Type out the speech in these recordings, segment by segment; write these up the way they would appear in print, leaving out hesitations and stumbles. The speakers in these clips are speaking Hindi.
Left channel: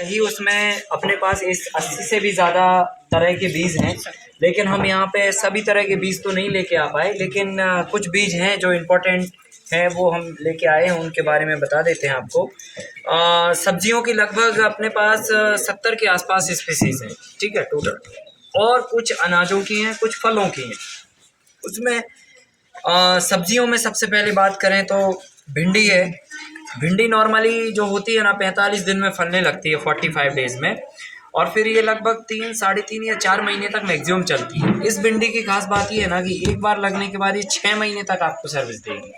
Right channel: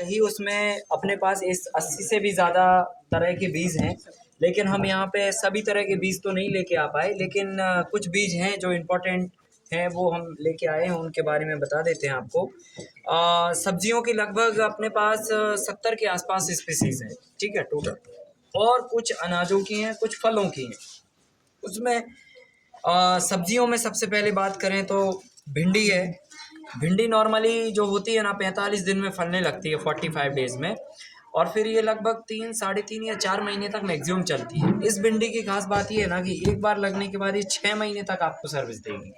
यही उसमें अपने पास इस 80 से भी ज़्यादा तरह के बीज हैं, लेकिन हम यहाँ पे सभी तरह के बीज तो नहीं लेके आ पाए, लेकिन कुछ बीज हैं जो इम्पोर्टेंट हैं वो हम लेके आए हैं, उनके बारे में बता देते हैं आपको। सब्जियों की लगभग अपने पास 70 के आसपास स्पीसीज़ हैं, ठीक है, टोटल। और कुछ अनाजों की हैं, कुछ फलों की हैं। उसमें सब्जियों में सबसे पहले बात करें तो भिंडी है। भिंडी नॉर्मली जो होती है ना 45 दिन में फलने लगती है, 45 डेज़ में, और फिर ये लगभग 3, साढ़े 3 या 4 महीने तक मैक्सिमम चलती है। इस भिंडी की खास बात ये है ना कि एक बार लगने के बाद ये 6 महीने तक आपको सर्विस देगी,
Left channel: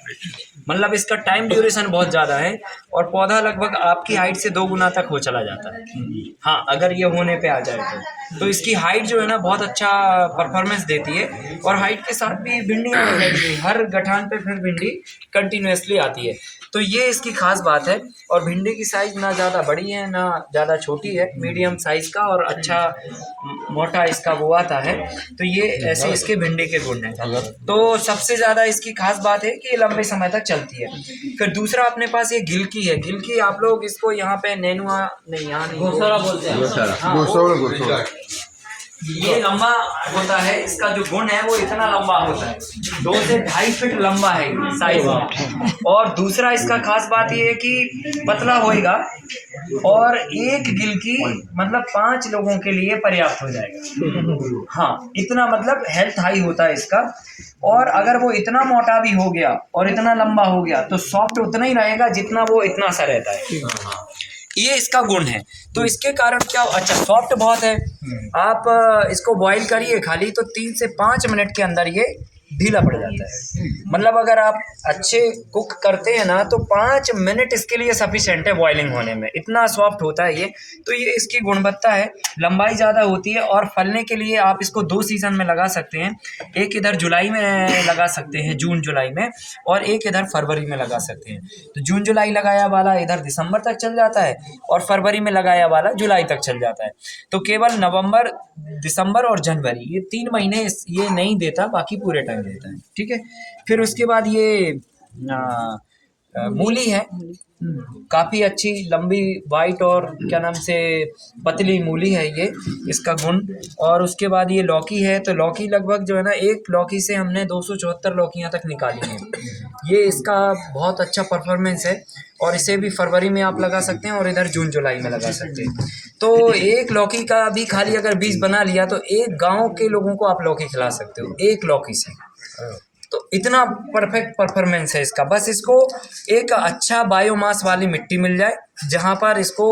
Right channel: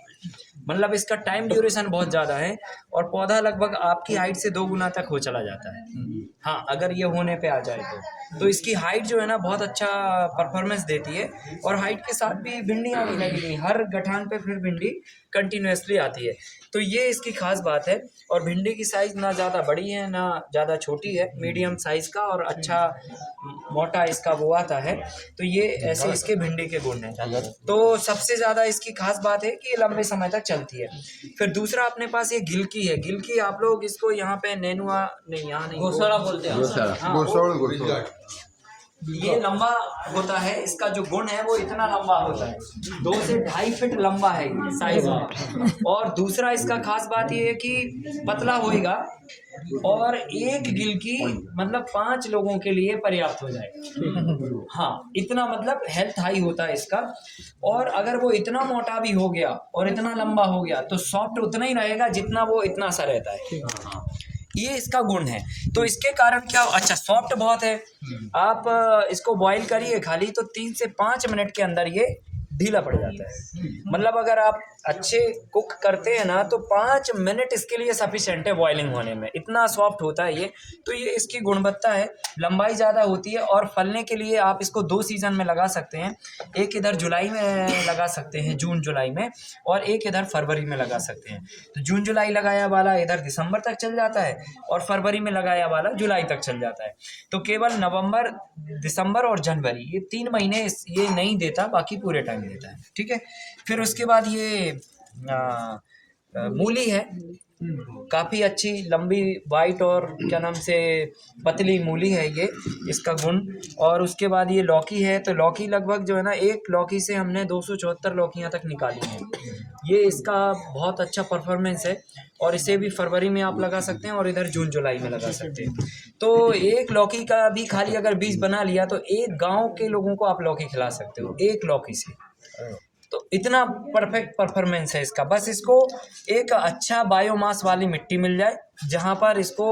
मतलब इसका टाइम ड्यूरेशन बहुत ज़्यादा है, और पौधा लगभग आपकी हाइट से 2 गुना तक हो चला जाता है। हाँ, अगर ये होने पे आ जाए तो इसकी हाइट जो है ना बहुत अच्छा परफॉर्मेंस देती है, और हाइट के साथ भी भिंडियाँ हो जाएगी, हर गठान पे फिर भिंडी कंटिन्यूसली आती है, तो ये इसकी खास बात है। और भिंडी की साइज़ ना ज़्यादा बड़ी है ना ज़्यादा छोटी है, मीडियम साइज़ का, और अच्छा मोटा इसका वो आता है, तो ये ऐसे इसके भिंडी के गुण हैं। तो सबसे ज़्यादा इसकी खास बात है कि ये लंबे समय तक चलती है। फिर दूसरा अपने पास ये गिलकी है। गिलकी आप लोग इसको यहाँ पे नेनुआ नहीं, यहाँ नहीं, घोसोला बोलते हैं। ये लंबा होता है, इसका जो गुण है वो इतना लंबा होता है, 2 से 2.5 फीट लंबा है साइज में। और दूसरा इसका खास बात ये है कि पतला होएगा, और एक गिलकी मतलब 5 लोगों के लिए पर्याप्त हो जाएगा। हाँ, इतना मतलब हेल्थ हाई होता है इसका। और अगर वो इतना मोटा भी हो गया और इतना लंबा हो गया तो सॉफ्ट उतना ही रहेगा जितना वो इतना सा रहता है। ये इसका गुण है। तो इसके कारण क्या, अच्छा सॉफ्ट बहुत है, आप इसको बॉईल करिए खाली तो 3 से 5 मिनट के अंदर ये ढीला पड़ जाता है। मतलब अगर आप अच्छे कुक करते हैं ना तो 5 मिनट इसके लिए सफिशेंट है बॉइलिंग होने में, इतना सॉफ्ट होता है ये। तो ये इसकी गुणवत्ता है। लंबाई ज़्यादा होती है, और फलने के लिए आप इसको 2 सीज़न में लगा सकते हैं। एक इधर जुलाई में लगा सकते हैं, जून जुलाई में, और एक इधर फरवरी में लगा सकते हैं। तो जून जुलाई लगाया वाला इधर दिसंबर तक चल जाता है, और फरवरी में लगाया वाला जुलाई तक चल जाता है। तो केवल नवंबर, दिसंबर और जनवरी, ये 3 महीने ये नहीं देता, बाकी पूरे टाइम देता है, ठीक है। फिर उसके बाद ये मूली है, काफ़ी अच्छी लंबी वाइट और क्या नाम से पतली मूली है ये, इसका गुण। और उसके बाद ये लौकी है। तो लौकी लगभग जो है ना, एक लौकी से हमने 274 लौकियाँ तक निकाली हैं। ये इसका बहुत अच्छा परफॉर्मेंस है, और इसे भी फरवरी में आप लगा सकते हैं, और इधर जून जुलाई में लगा सकते हैं। तो एक लौकी का भी खाली अगर बीज बना लिया तो एक गांव के लोगों को आप लौकी खिला सकते हो एक लौकी से। तो इतना परफेक्ट परफॉर्मेंस है इसका। बस इसको एक अच्छा बायोमास वाली मिट्टी मिल जाए, जहाँ पर इसको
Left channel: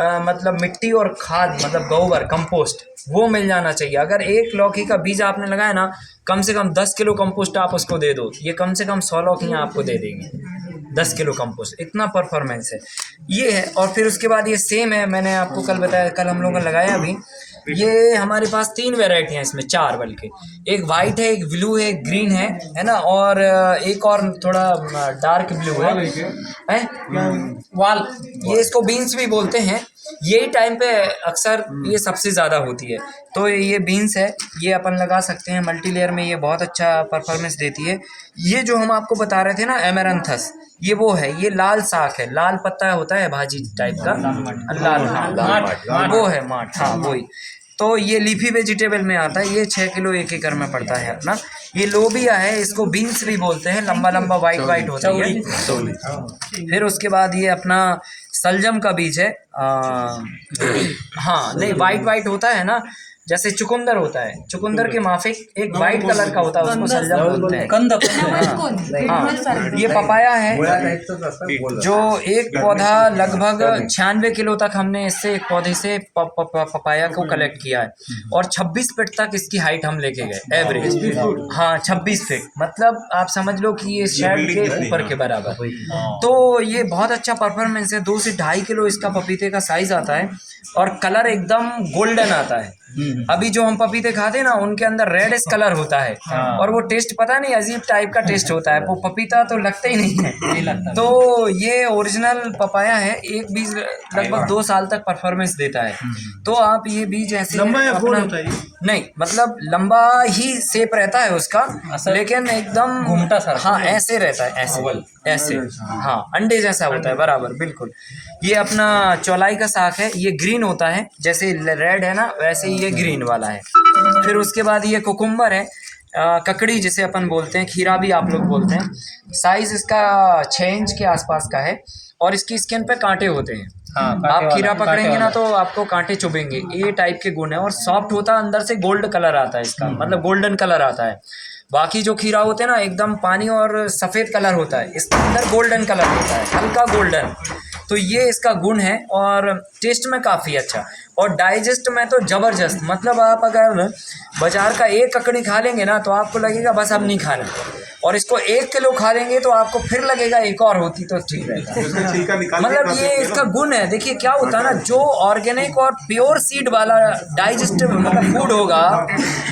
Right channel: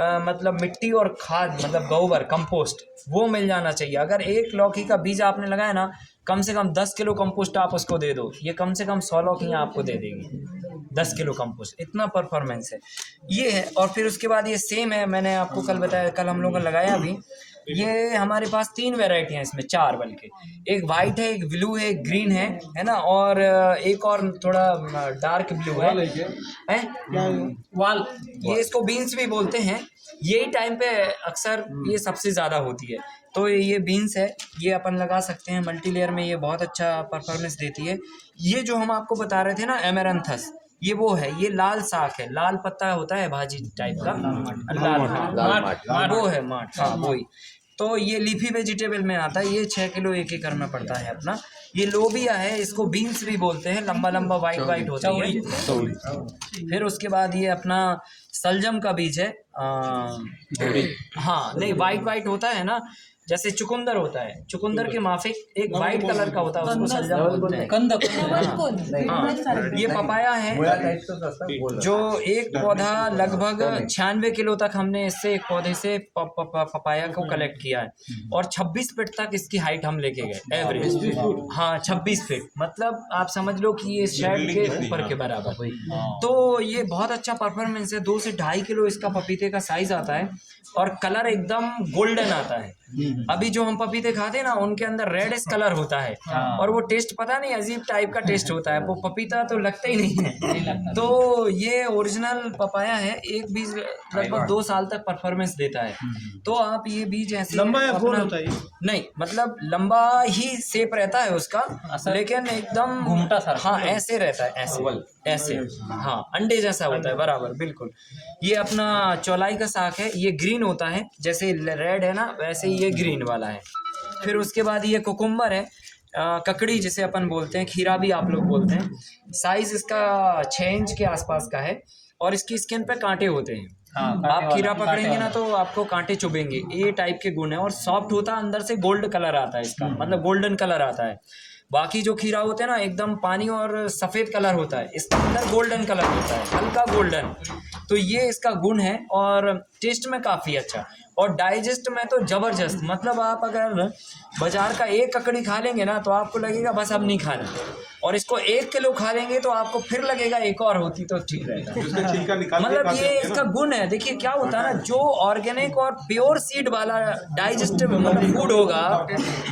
मतलब मिट्टी और खाद, मतलब गोबर, कंपोस्ट, वो मिल जाना चाहिए। अगर एक लौकी का बीज आपने लगाया ना, कम से कम 10 किलो कंपोस्ट आप उसको दे दो, ये कम से कम 100 लौकियाँ आपको दे देंगी, 10 किलो कंपोस्ट, इतना परफॉर्मेंस है ये है। और फिर उसके बाद ये सेम है, मैंने आपको कल बताया, कल हम लोगों ने लगाया अभी। ये हमारे पास 3 वैरायटी हैं इसमें, 4 बल्कि, एक वाइट है, एक ब्लू है, एक ग्रीन है ना, और एक और थोड़ा डार्क ब्लू है वाल, ये इसको बीन्स भी बोलते हैं। यही टाइम पे अक्सर ये सबसे ज़्यादा होती है। तो ये बीन्स है, ये अपन लगा सकते हैं मल्टी लेयर में, ये बहुत अच्छा परफॉर्मेंस देती है। ये जो हम आपको बता रहे थे ना एमेरंथस, ये वो है, ये लाल साग है, लाल पत्ता होता है भाजी टाइप का, लाल, हाँ वो है माठ, हाँ वही। तो ये लीफी वेजिटेबल में आता है, ये 6 किलो 1 एकड़ में पड़ता है अपना। ये लोबिया है, इसको बीन्स भी बोलते हैं, लंबा लंबा वाइट वाइट होता है। फिर उसके बाद ये अपना सलजम का बीज है, हाँ नहीं वाइट वाइट होता है ना, जैसे चुकंदर होता है, चुकंदर के माफिक एक वाइट कलर का होता है, उसको सलजम बोलते हैं। हाँ, ये पपाया है, जो एक पौधा लगभग 96 किलो तक हमने इससे एक पौधे से पपाया को कलेक्ट किया है, और 26 फीट तक इसकी हाइट हम लेके गए एवरेज। हाँ 26 फीट, मतलब आप समझ लो कि ये शेड के ऊपर के बराबर। तो ये बहुत अच्छा परफॉर्मेंस है। 2 से 2.5 किलो इसका पपीते का साइज आता है, और कलर एकदम गोल्डन आता है, अभी जो हम पपीते खाते हैं ना उनके अंदर रेडिश कलर होता है और वो टेस्ट पता नहीं अजीब टाइप का टेस्ट होता है, वो पपीता तो लगता ही नहीं है। तो ये ओरिजिनल पपाया है, एक बीज लगभग 2 साल तक परफॉर्मेंस देता है। तो आप ये बीज ऐसे अपना नहीं मतलब लंबा ही शेप रहता है उसका, लेकिन एकदम घूमटा सा, हाँ ऐसे रहता है, ऐसे हाँ अंडे जैसा होता है बराबर बिल्कुल। ये अपना चौलाई का साग है, ये ग्रीन होता है जैसे रेड है ना वैसे ही ये ग्रीन वाला है। फिर उसके बाद ये कुकुम्बर है, ककड़ी जिसे अपन बोलते हैं, खीरा भी आप लोग बोलते हैं। साइज इसका 6 इंच के आसपास का है और इसकी स्किन पे कांटे होते हैं। आप खीरा पकड़ेंगे ना तो आपको कांटे चुभेंगे, ये टाइप के गुण है। और सॉफ्ट होता है, अंदर से गोल्ड कलर आता है इसका, मतलब गोल्डन कलर आता है। बाकी जो खीरा होते हैं ना एकदम पानी और सफ़ेद कलर होता है, इसके अंदर गोल्डन कलर होता है, हल्का गोल्डन। तो ये इसका गुण है और टेस्ट में काफ़ी अच्छा और डाइजेस्ट में तो ज़बरदस्त। मतलब आप अगर बाज़ार का एक ककड़ी खा लेंगे ना तो आपको लगेगा बस अब नहीं खाना, और इसको 1 किलो खा लेंगे तो आपको फिर लगेगा एक और होती तो ठीक रहता। मतलब ये इसका गुण है। देखिए क्या होता है ना, जो ऑर्गेनिक और प्योर सीड वाला डाइजेस्ट मतलब फूड होगा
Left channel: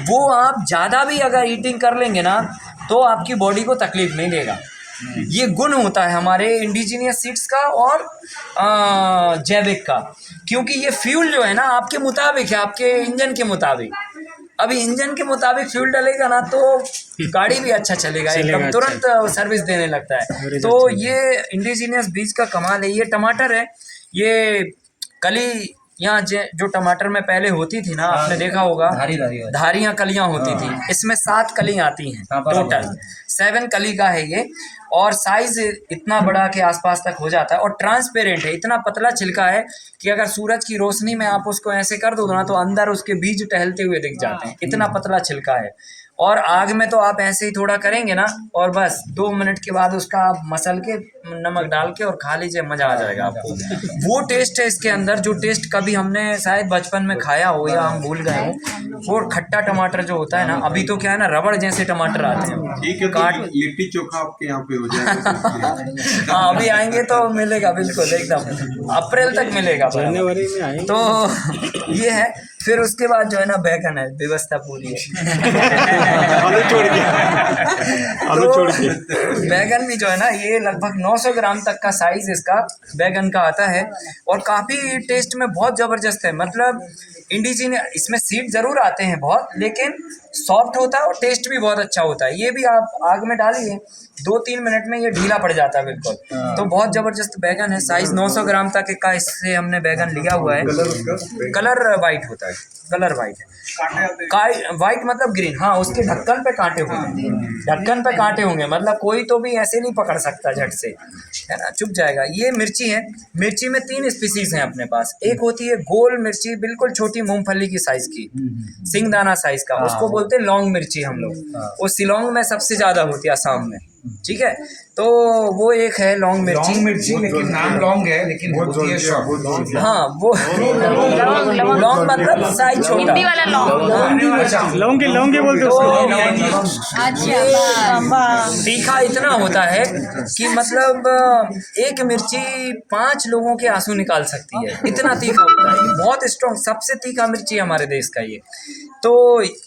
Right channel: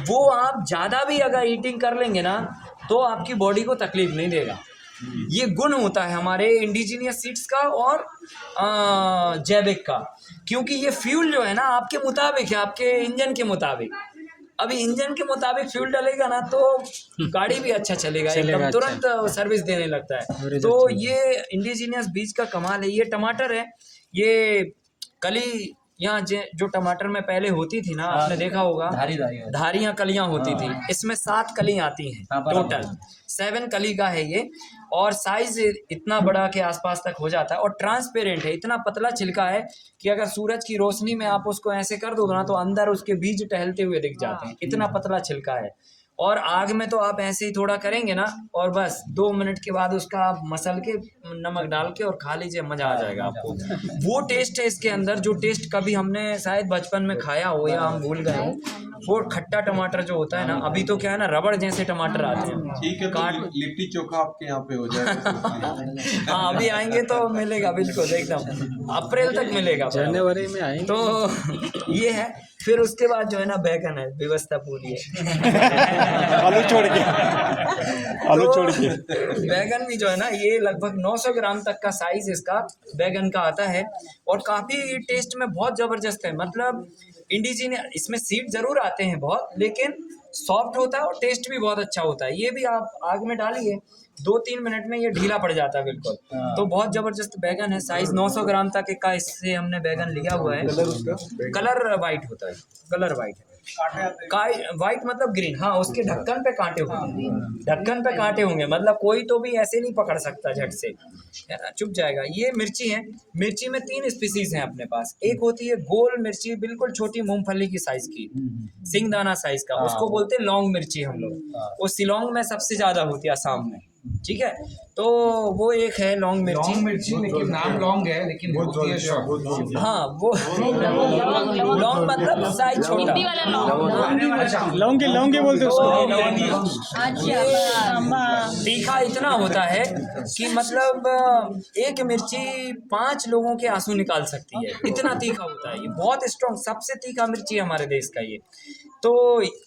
वो आप ज़्यादा भी अगर ईटिंग कर लेंगे ना तो आपकी बॉडी को तकलीफ नहीं देगा। ये गुण होता है हमारे इंडिजीनियस सीड्स का और जैविक का, क्योंकि ये फ्यूल जो है ना आपके मुताबिक है, आपके इंजन के मुताबिक। अभी इंजन के मुताबिक फ्यूल डालेगा ना तो गाड़ी भी अच्छा चलेगा, एकदम तुरंत सर्विस देने लगता है। तो ये इंडिजीनियस बीज का कमाल है। ये टमाटर है, ये कली यहाँ जो टमाटर में पहले होती थी ना, आपने देखा होगा धारियाँ कलियाँ होती थी, इसमें 7 कली आती हैं टोटल, 7 कली का है ये। और साइज इतना बड़ा के आसपास तक हो जाता है और ट्रांसपेरेंट है, इतना पतला छिलका है कि अगर सूरज की रोशनी में आप उसको ऐसे कर दो ना तो अंदर उसके बीज टहलते हुए दिख जाते हैं, इतना पतला छिलका है। और आग में तो आप ऐसे ही थोड़ा करेंगे ना और बस 2 मिनट के बाद उसका आप मसल के नमक डाल के और खा लीजिए, मज़ा आ जाएगा आपको। वो टेस्ट है इसके अंदर जो टेस्ट कभी हमने शायद बचपन में खाया हो या हम भूल गए हो। वो खट्टा टमाटर जो होता है ना, अभी तो क्या है ना रबड़ जैसे टमाटर आते हैं। ठीक है, तो लिट्टी चोखा आपके यहाँ पे हो जाएगा। हाँ अभी आएंगे तो मिलेगा बिल्कुल, एकदम अप्रैल तक मिलेगा, जनवरी में आएंगे। तो ये है। फिर उसके बाद जो है ना बैगन है, व्यवस्था पूरी है। तो बैगन भी जो है ना ये लगभग 900 ग्राम तक का साइज इसका बैगन का आता है और काफ़ी टेस्ट में बहुत ज़बरदस्त है। मतलब इंडिजीनियस इसमें सीड ज़रूर आते हैं बहुत, लेकिन सॉफ्ट होता है और टेस्ट भी बहुत अच्छा होता है। ये भी आप आग में डालिए 2-3 मिनट में ये ढीला पड़ जाता है बिल्कुल। तो बहुत ज़बरदस्त बैगन है, साइज़ 900 ग्राम तक का इससे हमने बैगन लिया हुआ है। कलर वाइट होता है, कलर वाइट है, वाइट मतलब ग्रीन। हाँ उसके ढक्कन पे कांटे होंगे, ढक्कन पे कांटे होंगे, मतलब कोई तो भी ऐसे नहीं पकड़ सकता झट से, है ना, चुप जाएगा। ये मिर्ची है, मिर्ची में 3 स्पीसीज हैं अपने पास। एक होती है गोल मिर्ची, बिल्कुल छोटी मूंगफली की साइज की, सिंगदाना साइज का, उसको बोलते हैं लौंग मिर्ची हम लोग। वो शिलोंग में सबसे ज़्यादा होती है, असम में, ठीक है। तो वो एक है लौंग मिर्ची, लेकिन नाम लौंग है लेकिन होती है शॉर्ट। हाँ वो लौंग मतलब साइज छोटा, लौंग के बोलते तीखा इतना होता है कि मतलब एक मिर्ची 5 लोगों के आंसू निकाल सकती है, इतना तीखा होता है। ये बहुत स्ट्रॉन्ग, सबसे तीखा मिर्ची है हमारे देश का ये। तो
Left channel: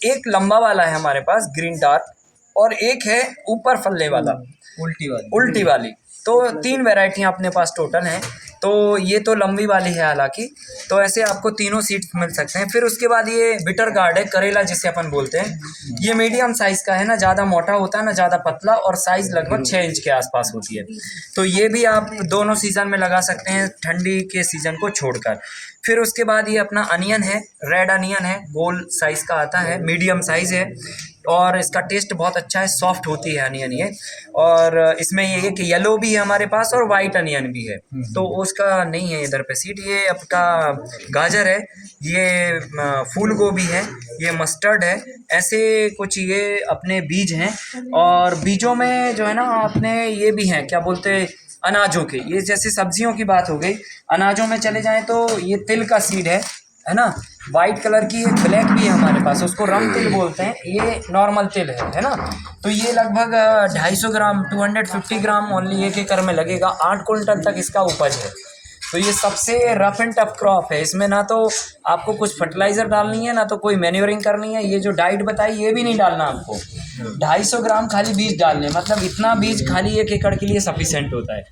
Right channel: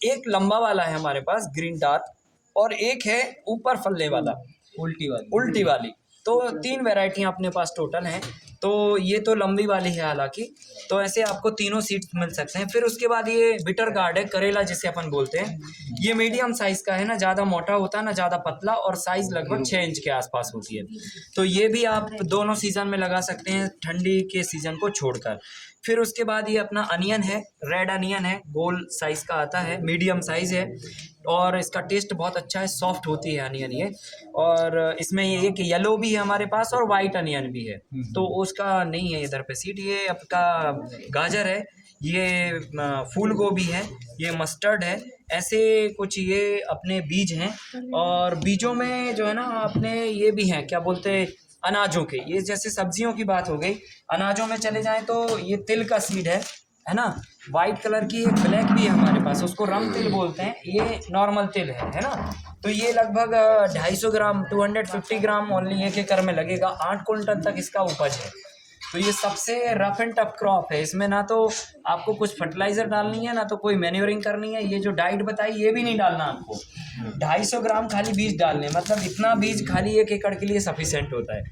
एक लंबा वाला है हमारे पास ग्रीन डार्क, और एक है ऊपर फलने वाला उल्टी वाली। तो 3 वैरायटियाँ अपने पास टोटल हैं। तो ये तो लंबी वाली है हालांकि, तो ऐसे आपको तीनों सीड्स मिल सकते हैं। फिर उसके बाद ये बिटर गार्ड है, करेला जिसे अपन बोलते हैं। ये मीडियम साइज़ का है, ना ज़्यादा मोटा होता है ना ज़्यादा पतला, और साइज़ लगभग 6 इंच के आसपास होती है। तो ये भी आप दोनों सीज़न में लगा सकते हैं, ठंडी के सीज़न को छोड़कर। फिर उसके बाद ये अपना अनियन है, रेड अनियन है, गोल साइज़ का आता है, मीडियम साइज़ है और इसका टेस्ट बहुत अच्छा है, सॉफ्ट होती है अनियन ये। और इसमें ये एक येलो भी है हमारे पास और वाइट अनियन भी है, तो उसका नहीं है इधर पे सीड। ये आपका गाजर है, ये फूल गोभी है, ये मस्टर्ड है, ऐसे कुछ ये अपने बीज हैं। और बीजों में जो है ना अपने ये भी हैं, क्या बोलते हैं, अनाजों के। ये जैसे सब्जियों की बात हो गई, अनाजों में चले जाएँ तो ये तिल का सीड है ना, वाइट कलर की। एक ब्लैक भी है हमारे पास, उसको रम तिल बोलते हैं, ये नॉर्मल तिल है ना। तो ये लगभग 250 ग्राम 250 ग्राम ओनली एक एकड़ में लगेगा, 8 कुंटल तक इसका उपज है। तो ये सबसे रफ एंड टफ क्रॉप है। इसमें ना तो आपको कुछ फर्टिलाइज़र डालनी है, ना तो कोई मैन्योरिंग करनी है। ये जो डाइट बताई ये भी नहीं डालना आपको। 250 ग्राम खाली बीज डालने, मतलब इतना बीज खाली 1 एकड़ के लिए सफिशेंट होता है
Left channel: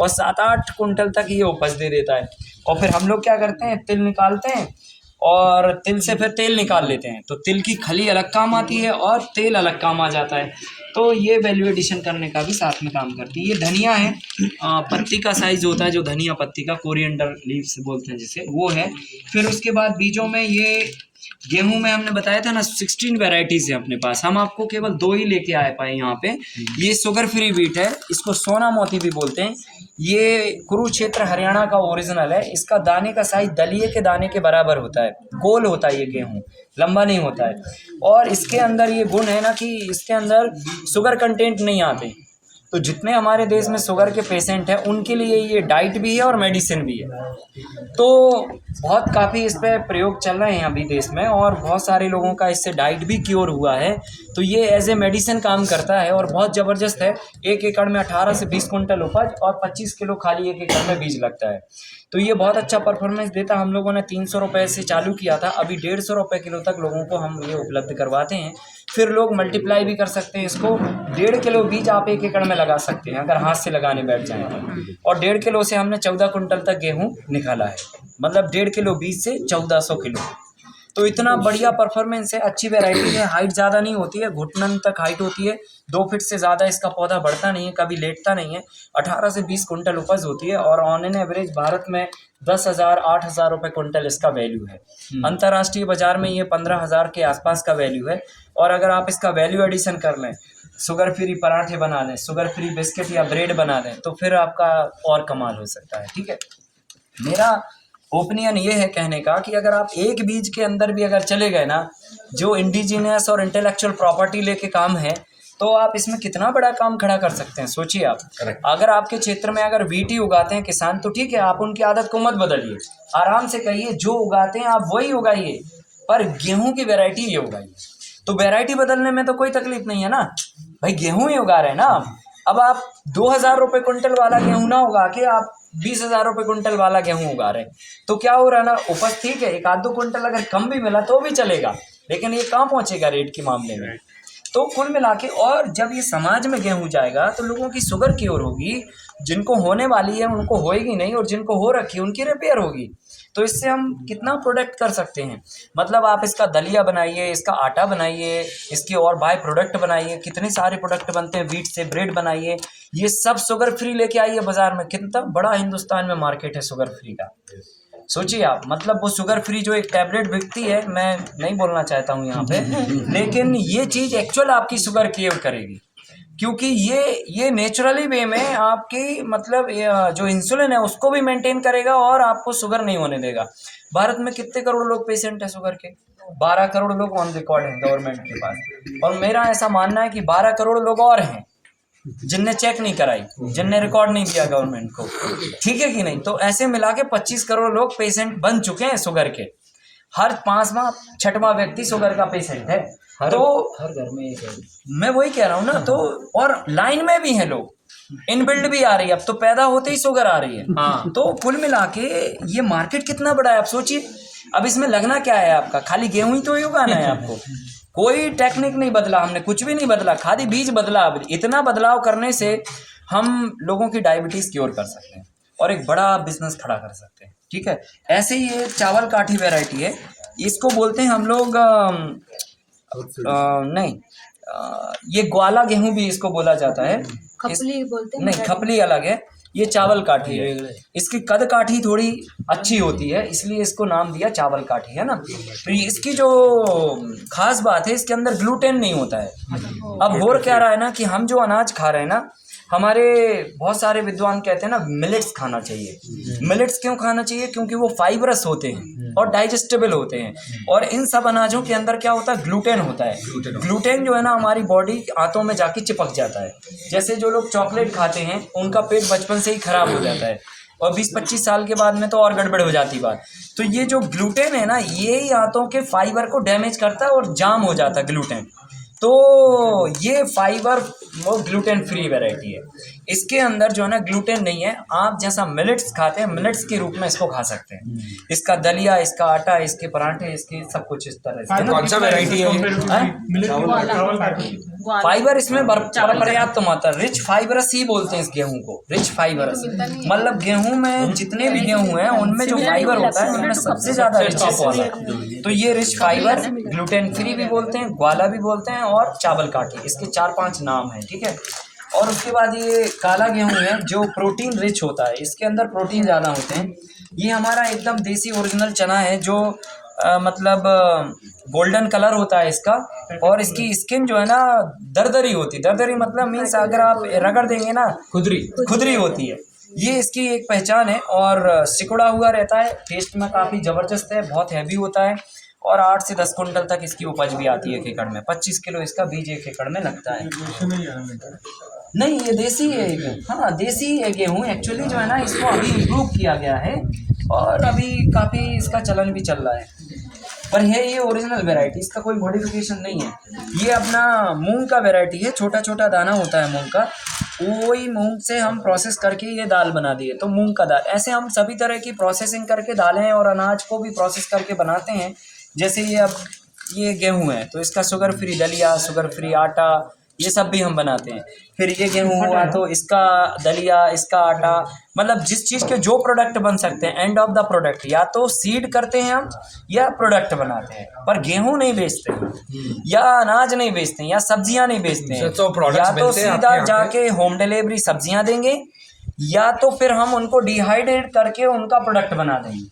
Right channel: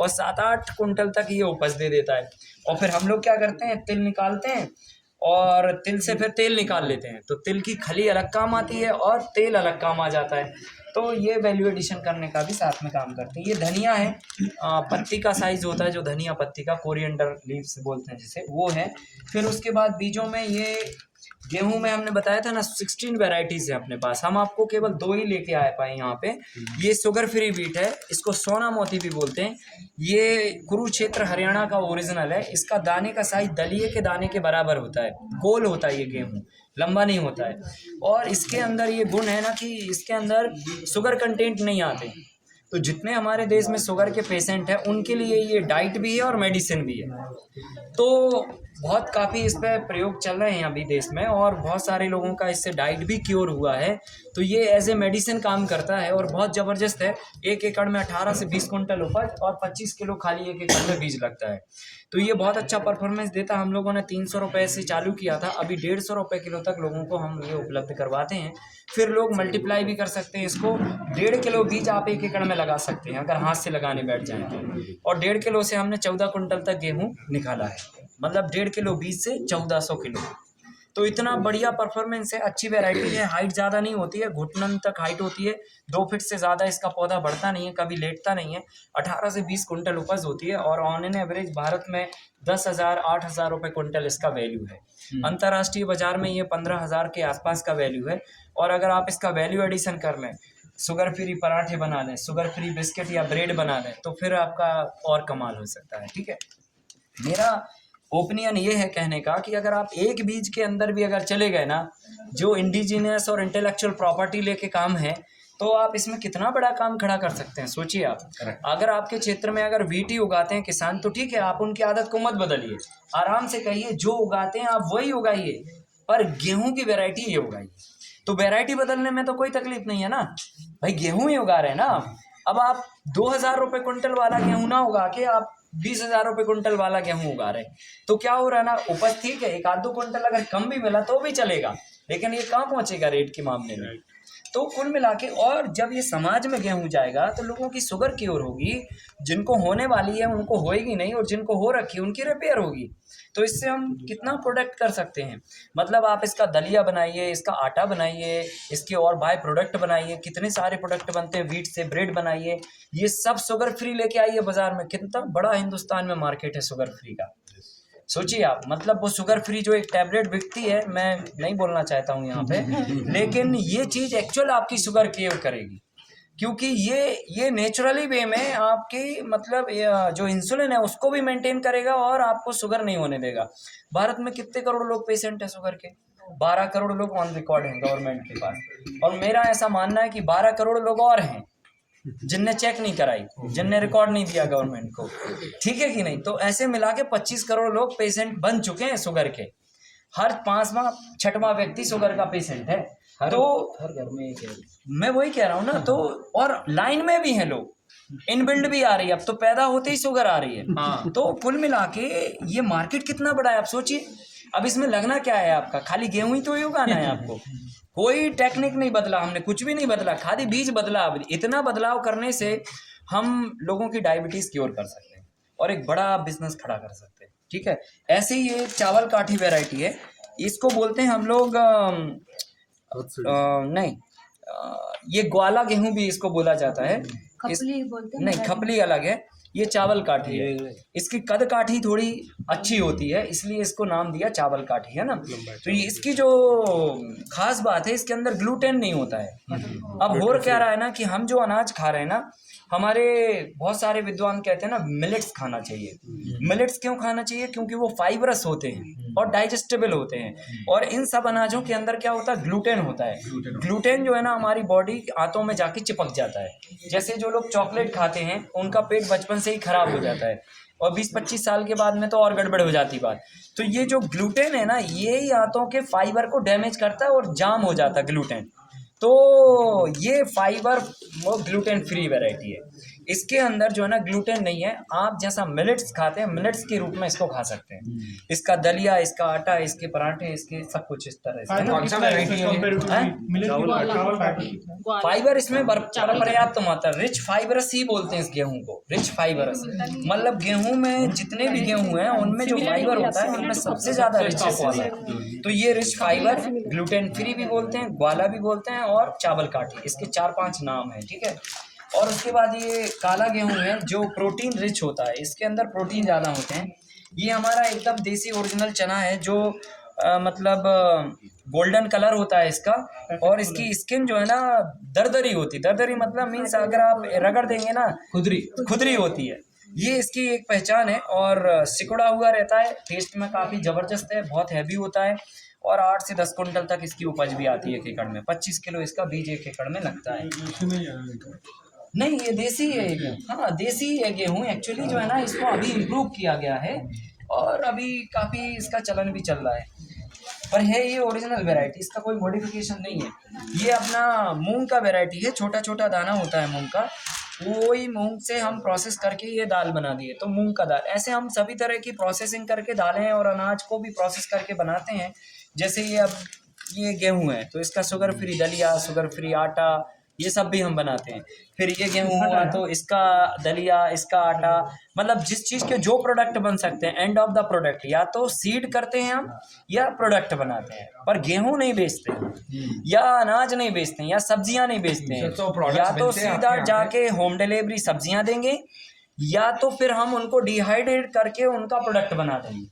और 7-8 कुंटल तक ये उपज दे देता है। और फिर हम लोग क्या करते हैं, तिल निकालते हैं और तिल से फिर तेल निकाल लेते हैं। तो तिल की खली अलग काम आती है और तेल अलग काम आ जाता है। तो ये वैल्यू एडिशन करने का भी साथ में काम करती है। ये धनिया है, पत्ती का साइज होता है जो धनिया पत्ती का, कोरिएंडर लीव्स बोलते हैं जिसे, वो है। फिर उसके बाद बीजों में ये गेहूं में हमने बताया था ना 16 वेराइटीज़ है अपने पास। हम आपको केवल 2 ही लेके आए पाए यहाँ पे। ये शुगर फ्री व्हीट है, इसको सोना मोती भी बोलते हैं। ये कुरुक्षेत्र हरियाणा का ओरिजिनल है। इसका दाने का साइज दलिए के दाने के बराबर होता है, गोल होता है ये गेहूं, लंबा नहीं होता है। और इसके अंदर ये गुण है ना कि इसके अंदर शुगर कंटेंट नहीं आते। तो जितने हमारे देश में शुगर के पेशेंट हैं उनके लिए ये डाइट भी है और मेडिसिन भी है। तो बहुत काफ़ी इस पर प्रयोग चल रहे हैं अभी देश में और बहुत सारे लोगों का इससे डाइट भी क्योर हुआ है। तो ये एज ए मेडिसिन काम करता है और बहुत ज़बरदस्त है। 1 एकड़ में 18 से 20 कुंटल उपज और 25 किलो खाली 1 एकड़ में बीज लगता है। तो ये बहुत अच्छा परफॉर्मेंस देता। हम लोगों ने 300 रुपये से चालू किया था, अभी 150 रुपये किलो तक लोगों को हम ये उपलब्ध करवाते हैं। फिर लोग मल्टीप्लाई भी कर सकते हैं इसको। 1.5 किलो बीज आप 1 एकड़ में लगा सकते हैं अगर हाथ से लगाने बैठ जाएँ तो। और 1.5 किलो से हमने 14 कुंटल तक गेहूँ निकाला है, मतलब 1.5 किलो बीज से 1400 किलो। तो इतना बढ़िया परफॉर्मेंस है, अच्छी वैरायटी है। हाइट ज़्यादा नहीं होती है, घुटनन तक हाइट होती है। 2 फीट से ज़्यादा इसका पौधा बढ़ता नहीं है, कभी लेटता नहीं है। 18 से 20 कुंटल उपज होती है और ऑन एन एवरेज भारत में 10,000-8,000 रुपये कुंटल इसका वैल्यू है। अंतर्राष्ट्रीय बाजार में ये 15,000 के आसपास का वैल्यू है। और अगर आप इसका वैल्यू एडिशन कर लें, शुगर फ्री पराठे बना लें, शुगर फ्री बिस्किट या ब्रेड बना लें, तो फिर आपका और कमाल हो सकता है। ठीक है, मेरा ओपिनियन ये है कहने का कि अगर आप एक बीज के अंदर भी अगर चले गए ना, जो इंडिजीनियस और इंटेलेक्चुअल प्रॉपर्टी लेके काम है, तो आप इसमें कितना बड़ा काम खड़ा कर सकते हैं। सोचिए आप, अगर आपके क्षेत्र में अगर वीटी उगाते हैं किसान, तो ठीक है, आप उनकी आदत को मत बदलिए, आराम से कहिए जो उगाते हैं आप वही उगाइए, पर गेहूं की वैरायटी ये उगाइए। तो वैरायटी बदलने में तो कोई तकलीफ नहीं है ना भाई, गेहूं ही उगा रहे हैं ना। अब आप 2,000 रुपये कुंटल वाला गेहूं ना उगा के आप 20,000 रुपये कुंटल वाला गेहूं उगा रहे हैं, तो क्या हो रहा है ना, उपज ठीक है, 1-2 कुंटल अगर कम भी मिला तो भी चलेगा, लेकिन ये कहाँ पहुंचेगा रेट के मामले में। तो कुल मिला के, और जब ये समाज में गेहूं जाएगा तो लोगों की शुगर क्योर होगी, जिनको होने वाली है उनको होएगी नहीं, और जिनको हो रखी है उनकी रिपेयर होगी। तो इससे हम कितना प्रोडक्ट कर सकते हैं, मतलब आप इसका दलिया बनाइए, इसका आटा बनाइए, इसके और बाय प्रोडक्ट बनाइए, कितने सारे प्रोडक्ट बनते हैं, वीट से ब्रेड बनाइए, ये सब शुगर फ्री लेके आइए बाजार में। कितना बड़ा हिंदुस्तान में मार्केट है शुगर फ्री का, सोचिए आप। मतलब वो शुगर फ्री जो एक टैबलेट बिकती है, मैं नहीं बोलना चाहता हूँ यहाँ पे, लेकिन ये चीज़ एक्चुअल आपकी शुगर केयर करेगी, क्योंकि ये नेचुरली वे में आपकी मतलब जो इंसुलिन है उसको भी मेंटेन करेगा और आपको शुगर नहीं होने देगा। भारत में कितने करोड़ लोग पेशेंट है शुगर के? 12 करोड़ लोग ऑन रिकॉर्ड हैं गवर्नमेंट के पास, और मेरा ऐसा मानना है कि 12 करोड़ लोग और हैं जिनने चेक नहीं कराई, जिनने रिकॉर्ड नहीं दिया गवर्नमेंट को, ठीक है कि नहीं। तो ऐसे मिला के 25 करोड़ लोग पेशेंट बन चुके हैं शुगर के। हर 5वां-6वां व्यक्ति शुगर का पेशेंट है। तो हर घर में एक है, मैं वही कह रहा हूँ ना। तो और लाइन में भी हैं लोग, इनबिल्ड भी आ रही है, अब तो पैदा होते ही शुगर आ रही है। हाँ। तो कुल मिला के ये मार्केट कितना बड़ा है आप सोचिए। अब इसमें लगना क्या है आपका, खाली गेहूं ही तो ही उगाना है आपको, कोई टेक्निक नहीं बदला, हमने कुछ भी नहीं बदला, खाली बीज बदला। अब इतना बदलाव करने से हम लोगों की डायबिटीज़ क्योर कर सकते हैं और एक बड़ा बिजनेस खड़ा कर सकते हैं। ठीक है, ऐसे ही ये चावल काठी वैरायटी है, इसको बोलते हैं हम लोग ये ग्वाला गेहूं भी इसको बोला जाता है। खपली बोलते हैं, नहीं, खपली अलग है, ये चावल काठी है। इसकी कद काठी थोड़ी अच्छी होती है, इसलिए इसको नाम दिया चावल काठी, है ना। तो इसकी जो खास बात है, इसके अंदर ग्लूटेन नहीं होता है। अब हो क्या रहा है ना कि हम जो अनाज खा रहे हैं ना, हमारे बहुत सारे विद्वान कहते हैं ना मिलेट्स खाना चाहिए। मिलेट्स क्यों खाना चाहिए? क्योंकि वो फाइबरस होते हैं और डाइजेस्टेबल होते हैं, और इन सब अनाजों के अंदर क्या होता है, ग्लूटेन होता है। ग्लूटेन जो है ना हमारी बॉडी आंतों में जाके चिपक जाता है। जैसे जो लोग चॉकलेट खाते हैं उनका पेट बचपन से ही खराब हो जाता है, और 20-25 साल के बाद में तो और गड़बड़ हो जाती बात। तो ये जो ग्लूटेन है ना, ये ही आंतों के फाइबर को डैमेज करता है और जाम हो जाता है ग्लूटेन। तो ये फाइबर वो ग्लूटेन फ्री वैरायटी है। इसके अंदर जो है ना ग्लूटेन नहीं है। आप जैसा मिलेट्स खाते हैं, मिलेट्स के रूप में इसको खा सकते हैं। इसका दलिया, इसका आटा, इसके पराठे, इसके सब कुछ इस तरह से। कौन सा वैरायटी है फाइबर इसमें पर्याप्त मात्रा, रिच फाइबरस ही बोलते हैं इस गेहूं को, रिच फाइबरस। मतलब गेहूं में जितने भी गेहूं हैं उनमें जो फाइबर होता है उनमें सबसे ज्यादा रिचेस होता है। तो ये रिच फाइबर, ग्लूटेन फ्री भी बोलते हैं, ग्वाला भी बोलते हैं, और चावल काठी, इसके 4-5 नाम हैं, ठीक है। और उसके बाद ये काला गेहूं है जो प्रोटीन रिच होता है, इसके अंदर प्रोटीन ज़्यादा होते हैं। ये हमारा एकदम देसी ओरिजिनल चना है जो मतलब गोल्डन कलर होता है इसका, और इसकी स्किन जो है ना दरदरी होती है। दरदरी मतलब मीन्स अगर आप रगड़ देंगे ना खुदरी होती है। ये इसकी एक पहचान है, और सिकुड़ा हुआ रहता है, टेस्ट में काफ़ी ज़बरदस्त है, बहुत हैवी होता है, और 8 से 10 कुंटल तक इसकी उपज भी आती है एक एकड़ में। 25 किलो इसका बीज एक एकड़ में लगता है। नहीं, ये देसी है गेहूँ। हाँ, देसी है गेहूँ एक्चुअली जो है ना, इसको अभी इम्प्रूव किया गया है और अभी काफ़ी इसका चलन भी चल रहा है। पर है ये ओरिजिनल वैरायटी, इसका कोई मॉडिफिकेशन नहीं है। ये अपना मूंग का वैरायटी है, छोटा छोटा दाना होता है मूंग का, वही मूंग से हम प्रोसेस करके ये दाल बना दिए, तो मूंग का दाल। ऐसे हम सभी तरह की प्रोसेसिंग करके दालें और अनाज को भी प्रोसेस करके बनाते हैं। जैसे ये अब ये गेहूं है तो इसका शुगर फ्री दलिया, शुगर फ्री आटा, ये सब भी हम बनाते हैं। फिर ये गेहूं हुआ तो इसका दलिया, इसका आटा, मतलब जिस चीज़ के जो प्रोडक्ट बन सकते हैं, एंड ऑफ द प्रोडक्ट, या तो सीड करते हैं हम या प्रोडक्ट बनाते हैं। पर गेहूं नहीं बेचते हैं, या अनाज नहीं बेचते हैं, या सब्जियां नहीं बेचते हैं। या तो सीधा जाके होम डिलीवरी सब्जियां देंगे, या तो फिर हम उनको डिहाइड्रेट करके उनका प्रोडक्ट बना देंगे।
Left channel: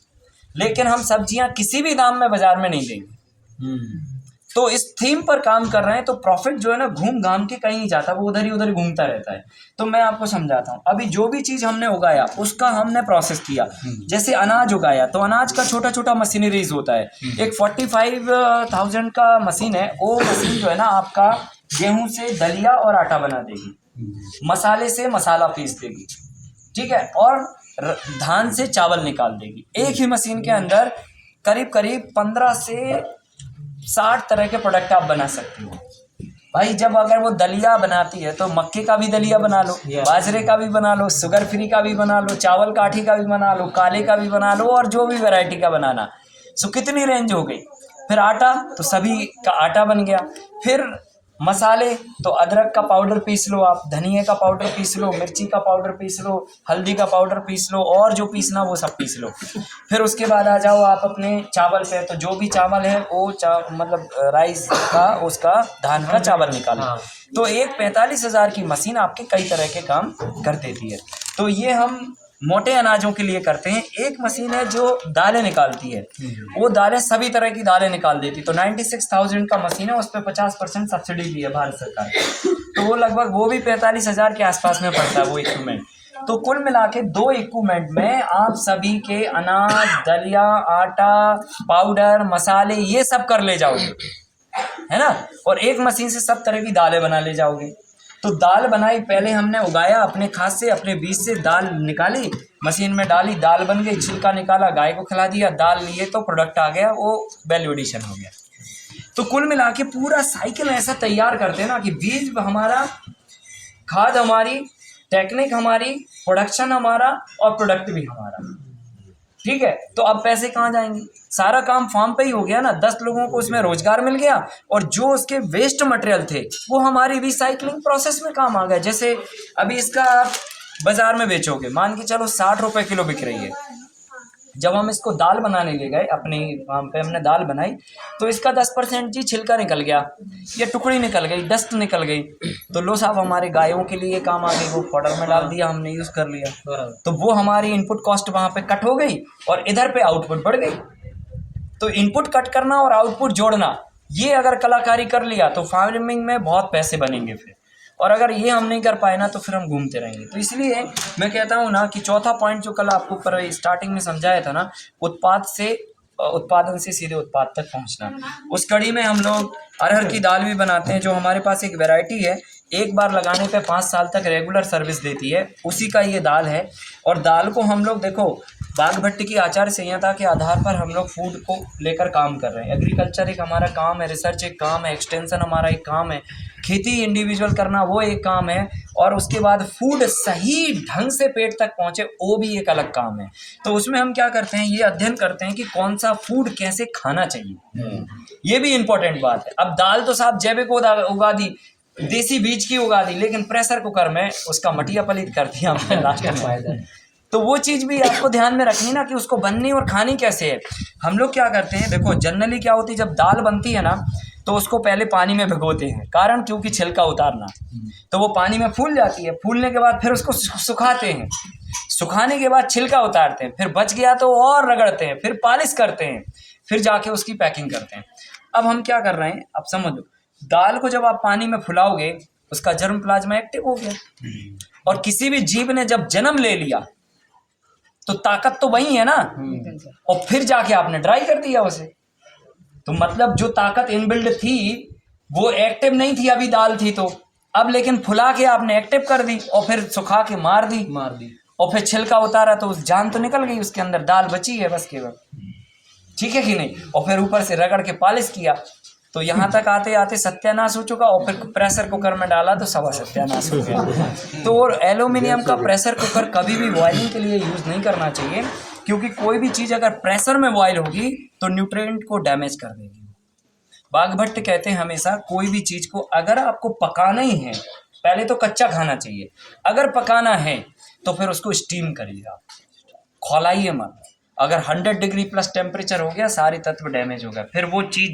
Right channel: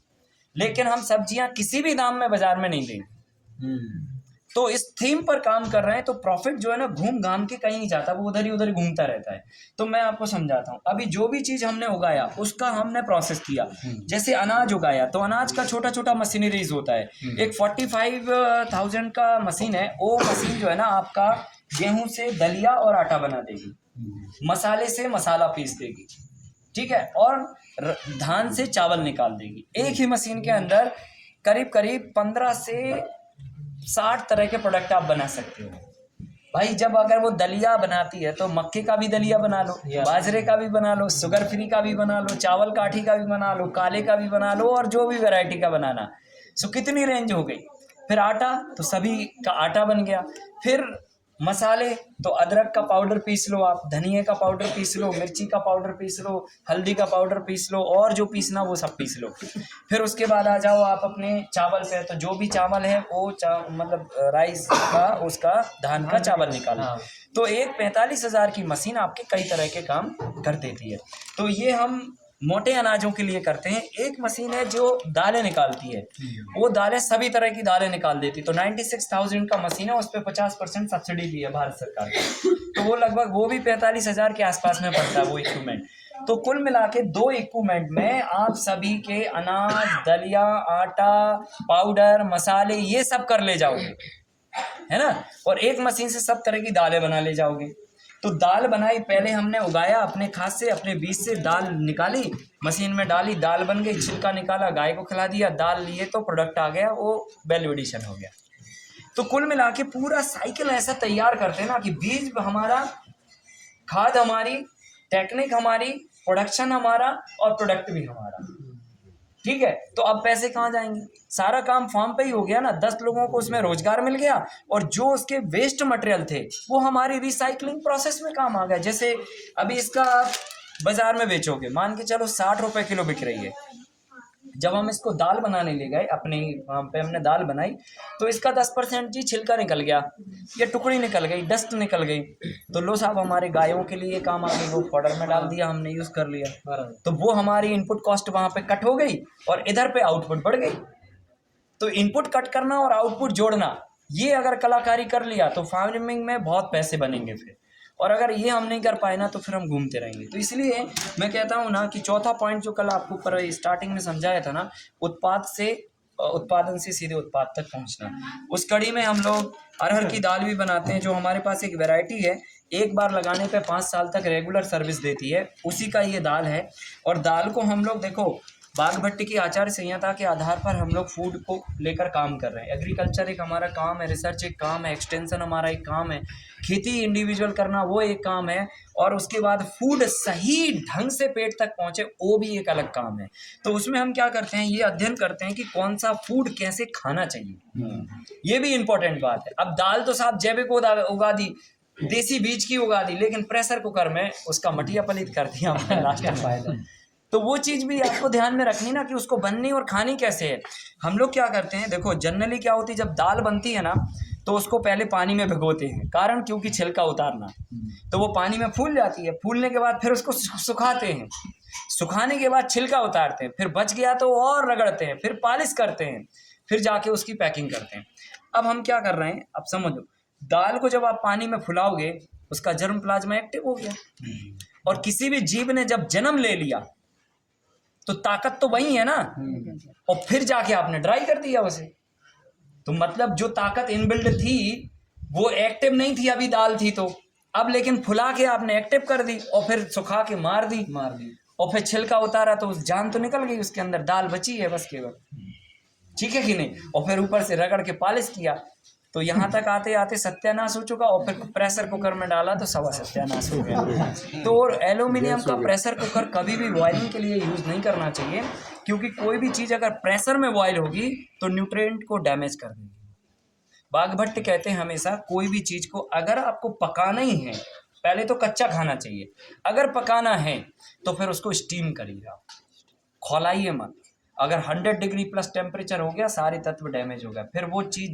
लेकिन हम सब्जियां किसी भी दाम में बाजार में नहीं देंगे। तो इस थीम पर काम कर रहे हैं, तो प्रॉफिट जो है ना घूम घाम के कहीं नहीं जाता, वो उधर ही उधर घूमता रहता है। तो मैं आपको समझाता हूँ। अभी जो भी चीज़ हमने उगाया उसका हमने प्रोसेस किया। जैसे अनाज उगाया तो अनाज का छोटा छोटा मशीनरीज होता है। एक 45,000 का मशीन है, वो मशीन जो है ना आपका गेहूं से दलिया और आटा बना देगी, मसाले से मसाला पीस देगी, ठीक है, और धान से चावल निकाल देगी। एक ही मशीन के अंदर करीब करीब 15 से 60 तरह के प्रोडक्ट आप बना सकते हो भाई। जब अगर वो दलिया बनाती है तो मक्के का भी दलिया बना लो, बाजरे का भी बना लो, शुगर फ्री का भी बना लो, चावल काठी का भी बना लो, काले का भी बना लो, और जो भी वैरायटी का बनाना। सो कितनी रेंज हो गई। फिर आटा तो सभी का आटा बन गया। फिर मसाले तो अदरक का पाउडर पीस लो आप, धनिया का पाउडर पीस लो, मिर्ची का पाउडर पीस लो, हल्दी का पाउडर पीस लो, और जो पीसना वो सब पीस लो। फिर उसके बाद आ जाओ आप अपने चावल पे, तो जो भी चावल है वो मतलब राइस का, उसका धान का चावल निकालो। तो एक 45,000 की मशीन आपके कई तरह के काम कर देती है। तो ये हम मोटे अनाजों के लिए करते हैं। एक मशीन है जो दालें निकालती है, वो दालें सभी तरह की दालें निकाल देती। तो 96,000 का मशीन है, उस पर 50% सब्सिडी भी है भारत सरकार। तो वो लगभग वो भी 45,000 के आसपास में पड़ता है वो इक्विपमेंट। तो कुल मिला के 2 इक्विपमेंट में आप सभी के अनाज, दलिया, आटा, पाउडर, मसाले, ये सब कर ले जाओगे, है ना। और एक मशीन से सब तरह की दालें बना ले जाओगे। तो दाल बनाई, पहले हमने उगाया अपने खाद से, अपने बीज से दाल निकाली, मशीन में डाली, दाल बन गई, छिलका निकाला, गाय को खिला दिया, दाल लिए तो प्रोडक्ट आ गया, वो वैल्यू एडिशन हो गया। तो कुल मिला के पूरा साइकिल ऐसा तैयार करते हैं ना कि बीज हमारा, खाद हमारी, टेक्निक हमारी, प्रोडक्शन हमारा, और प्रोडक्ट भी हमारा, ठीक है। तो अब पैसे कहाँ जाएंगे? सारा काम फार्म पे ही हो गया ना। 10 लोगों को उसमें रोजगार मिल गया, और जो उसके वेस्ट मटेरियल थे वो हमारी रिसाइकलिंग प्रोसेस में काम आ गया। जैसे अभी इसका आप बाजार में बेचोगे, मान के चलो 60 रुपए किलो बिक रही है। जब हम इसको दाल बनाने ले गए अपने फार्म पे, हमने दाल बनाई, तो इसका 10% जी छिलका निकल गया, ये टुकड़ी निकल गई, डस्ट निकल गई। तो लो साहब, हमारे गायों के लिए काम आ गई, वो पाउडर में डाल दिया, हमने यूज़ कर लिया। तो वो हमारी इनपुट कॉस्ट वहाँ पे कट हो गई, और इधर पे आउटपुट बढ़ गई। तो इनपुट कट करना और आउटपुट जोड़ना, ये अगर कलाकारी कर लिया तो फार्मिंग में बहुत पैसे बनेंगे फिर। और अगर ये हम नहीं कर पाए ना तो फिर हम घूमते रहेंगे। तो इसलिए मैं कहता हूँ ना कि चौथा पॉइंट जो कल आपको पर स्टार्टिंग में समझाया था ना, उत्पादन से सीधे उत्पाद तक पहुँचना, उस कड़ी में हम लोग अरहर की दाल भी बनाते हैं। जो हमारे पास एक वैरायटी है, एक बार लगाने पे 5 साल तक रेगुलर सर्विस देती है, उसी का ये दाल है। और दाल को हम लोग देखो बाघ भट्टी की आचार संहिता के आधार पर हम लोग फूड को लेकर काम कर रहे हैं। एग्रीकल्चर एक हमारा काम है, रिसर्च एक काम है, एक्सटेंशन हमारा एक काम है, खेती इंडिविजुअल करना वो एक काम है, और उसके बाद फूड सही ढंग से पेट तक पहुंचे वो भी एक अलग काम है। तो उसमें हम क्या करते हैं, ये अध्ययन करते हैं कि कौन सा फूड कैसे खाना चाहिए, ये भी इंपॉर्टेंट बात है। अब दाल तो साहब जैविक उगा दी, देसी बीज की उगा दी, लेकिन प्रेशर कुकर में उसका मटिया पलित कर दिया हमने लास्ट में। तो वो चीज़ भी आपको ध्यान में रखनी ना कि उसको बननी और खानी कैसे है। हम लोग क्या करते हैं, देखो जनरली क्या होती है, जब दाल बनती है ना तो उसको पहले पानी में भिगोते हैं, कारण क्योंकि छिलका उतारना। तो वो पानी में फूल जाती है, फूलने के बाद फिर उसको सुखाते हैं, सुखाने के बाद छिलका उतारते हैं, फिर बच गया तो और रगड़ते हैं, फिर पॉलिश करते हैं, फिर जाके उसकी पैकिंग करते हैं। अब हम क्या कर रहे हैं, अब समझो, दाल को जब आप पानी में फुलाओगे उसका जर्म प्लाज्मा एक्टिव हो गया, और किसी भी जीव ने जब जन्म ले लिया तो ताकत तो वही है ना, और फिर जाके आपने ड्राई कर दिया उसे। तो मतलब जो ताकत इनबिल्ड थी वो एक्टिव नहीं थी, अभी दाल थी तो, अब लेकिन फुला के आपने एक्टिव कर दी और फिर सुखा के मार दी और फिर छिलका उतारा तो जान तो निकल गई उसके अंदर, दाल बची है बस केवल, ठीक है कि नहीं। और फिर ऊपर से रगड़ के पॉलिश किया, तो यहाँ तक आते आते सत्यानाश हो चुका, और फिर प्रेशर कुकर में डाला तो सवा सत्यानाश हो गया। तो एल्यूमिनियम का प्रेशर कुकर कभी भी बॉयलिंग के लिए यूज़ नहीं करना चाहिए, क्योंकि कोई भी चीज़ अगर प्रेशर में बॉयल होगी तो न्यूट्रिएंट को डैमेज कर देगी। बाघ भट्ट कहते हैं हमेशा कोई भी चीज़ को अगर आपको पकाना ही है, पहले तो कच्चा खाना चाहिए, अगर पकाना है तो फिर उसको स्टीम करिएगा, खौलाइए मत। अगर 100 डिग्री प्लस टेम्परेचर हो गया सारी तत्व डैमेज हो गया, फिर वो चीज़